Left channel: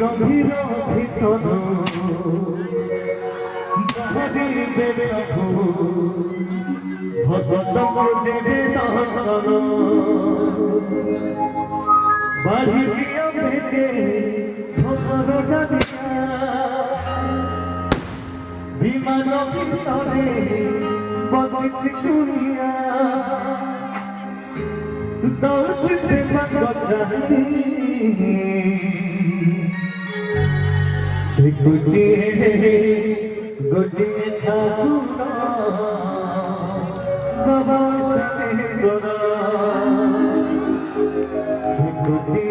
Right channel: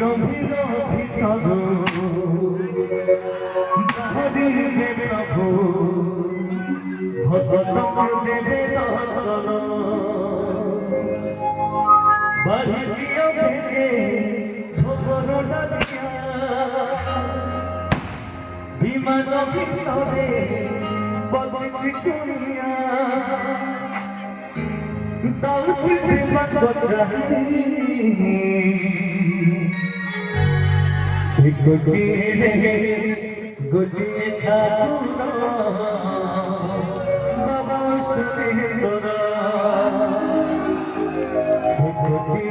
গভীর ভিতর দেবে ভগত দেবে দর্শন বাড়ি দিও ভেবে ভগরটা দিয়া বিমান ভিতরে বসিছি কুড়িয়া দাউছি সে বচাই से गोटे ठाकुर बाबा सरा से गोटे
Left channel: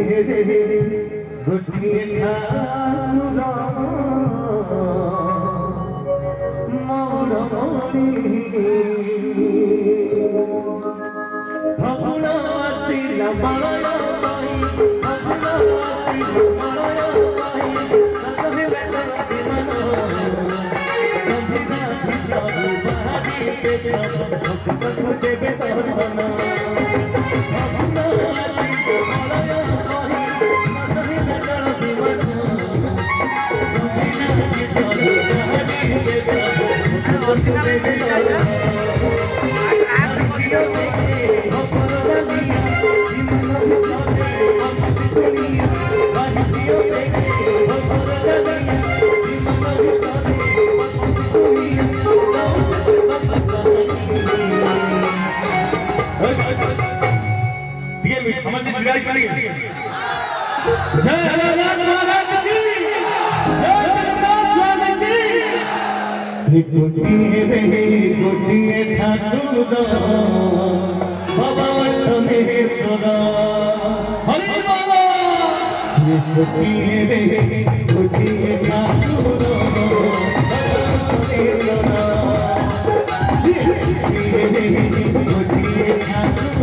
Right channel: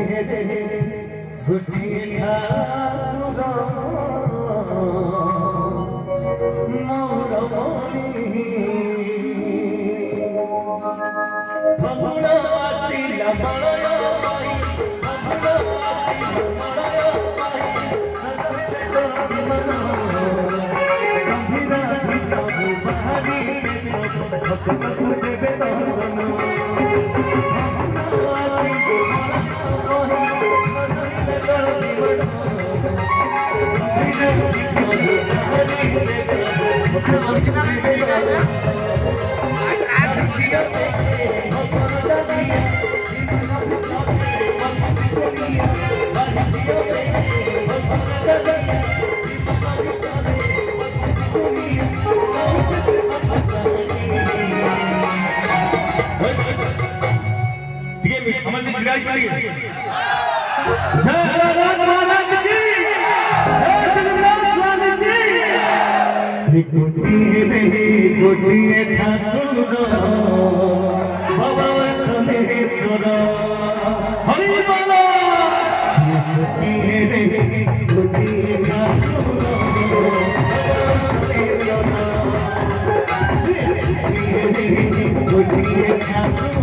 ठाकुर मौरी भगुड़ा सिला माया देवे दर्शन समझ जुगाई पड़ी श्री गोटिए ठाकुर बाबा समेश्वर हरि बोलो श्री गोटिए ठाकुर बाबा समेश्वर श्री गोटिए ठाकुर